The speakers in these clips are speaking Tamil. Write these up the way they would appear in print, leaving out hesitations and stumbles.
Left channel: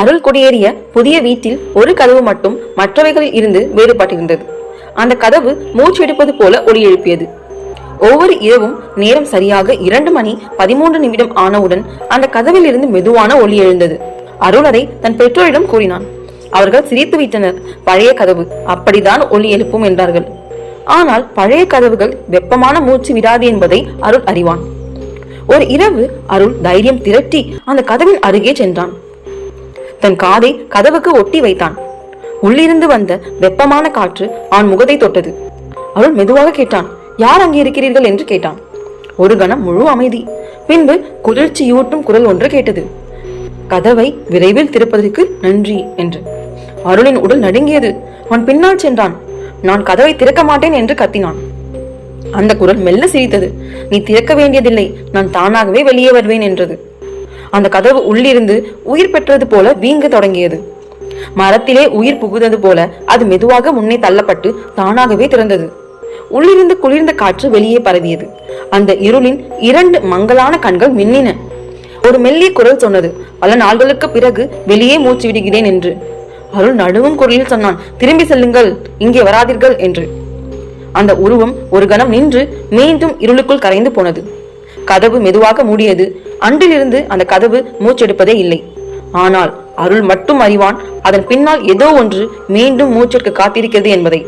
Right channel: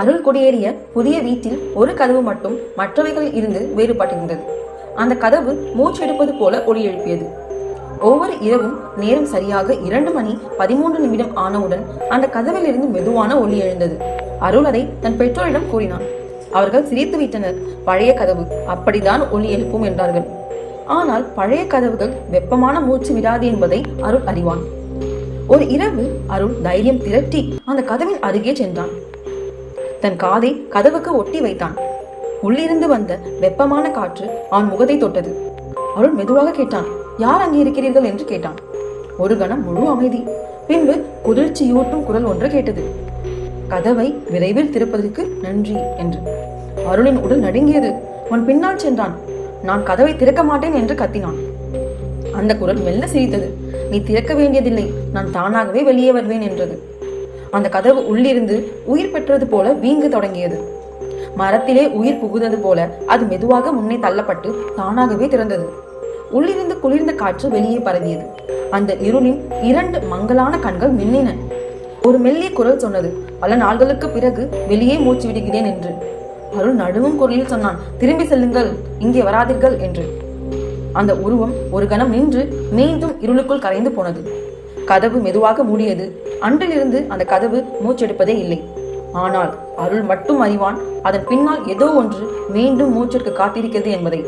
அருள் குடியேறிய புதிய வீட்டில் ஒரு கதவு மட்டும் மற்றவைகளில் இருந்து வேறுபட்டிருந்தது. அந்த கதவு மூச்செடுப்பது போல ஒலி எழுப்பியது. ஒவ்வொரு இரவும் நேரம் சரியாக 2:13 ஆனவுடன் அந்த கதவில் இருந்து மெதுவான ஒலி எழுந்தது. அருள் அதை தன் பெற்றோரிடம் கூறினான். அவர்கள் சிரித்து விட்டனர். பழைய கதவு அப்படித்தான் ஒலி எழுப்பும் என்றார்கள். ஆனால் பழைய கதவுகள் வெப்பமான மூச்சு விடாது என்பதை அருள் அறிவான். ஒரு இரவு அருள் தைரியம் திரட்டி அந்த கதவின் அருகே சென்றான். தன் காதை கதவுக்கு ஒட்டி வைத்தான். உள்ளிருந்து வந்த வெப்பமான காற்று அவன் முகத்தை தொட்டது. அருள் மெதுவாக கேட்டான், யார் அங்கே இருக்கிறீர்கள் என்று கேட்டான். ஒரு கணம் முழு அமைதி. பின்பு குளிர்ச்சியூட்டும் குரல் ஒன்று கேட்டது. கதவை விரைவில் திறப்பதற்கு நன்றி என்று. அருளின் உடல் நடுங்கியது. அவன் பின்னால் சென்றான். நான் கதவை திறக்க மாட்டேன் என்று கத்தினான். அந்த குரல் மெல்ல சிரித்தது. நீ திறக்க வேண்டியதில்லை, நான் தானாகவே வெளியே வருவேன் என்றது. அந்த கதவு உள்ளிருந்து உயிர் பெற்றது போல வீங்க தொடங்கியது. மரத்திலே உயிர் புகுந்தது போல அது மெதுவாக முன்னே தள்ளப்பட்டு தானாகவே திறந்தது. உள்ளிருந்து குளிர்ந்த காற்று வெளியே பரவியது. அந்த இருளின் 2 மங்கலான கண்கள் மின்னின. ஒரு மெல்லிய குரல் சொன்னது, பல நாள்களுக்கு பிறகு வெளியே மூச்சு விடுகிறேன் என்று. அருள் நடுவும் குரலில் சொன்னான், திரும்பி செல்லுங்கள், இங்கே வராதீர்கள் என்று. அந்த உருவம் ஒரு கணம் நின்று மீண்டும் இருளுக்குள் கரைந்து போனது. கதவு மெதுவாக மூடியது. அன்றிலிருந்து அந்த கதவு மூச்செடுப்பதே இல்லை. ஆனால் அருள் மட்டும் அறிவான், அதன் பின்னால் ஏதோ ஒன்று மீண்டும் மூச்செடுக்க காத்திருக்கிறது என்பதை.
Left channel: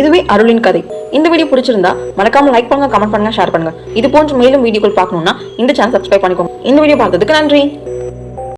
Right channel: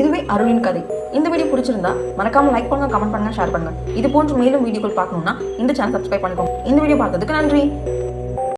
இதுவே அருளின் கதை. இந்த வீடியோ பிடிச்சிருந்தா மறக்காம லைக் பண்ணுங்க, கமெண்ட் பண்ணுங்க, ஷேர் பண்ணுங்க. இது போன்ற மேலும் வீடியோக்கள் பார்க்கணும்னா இந்த சேனல் சப்ஸ்கிரைப் பண்ணிக்கோங்க. இந்த வீடியோ பார்த்ததுக்கு நன்றி.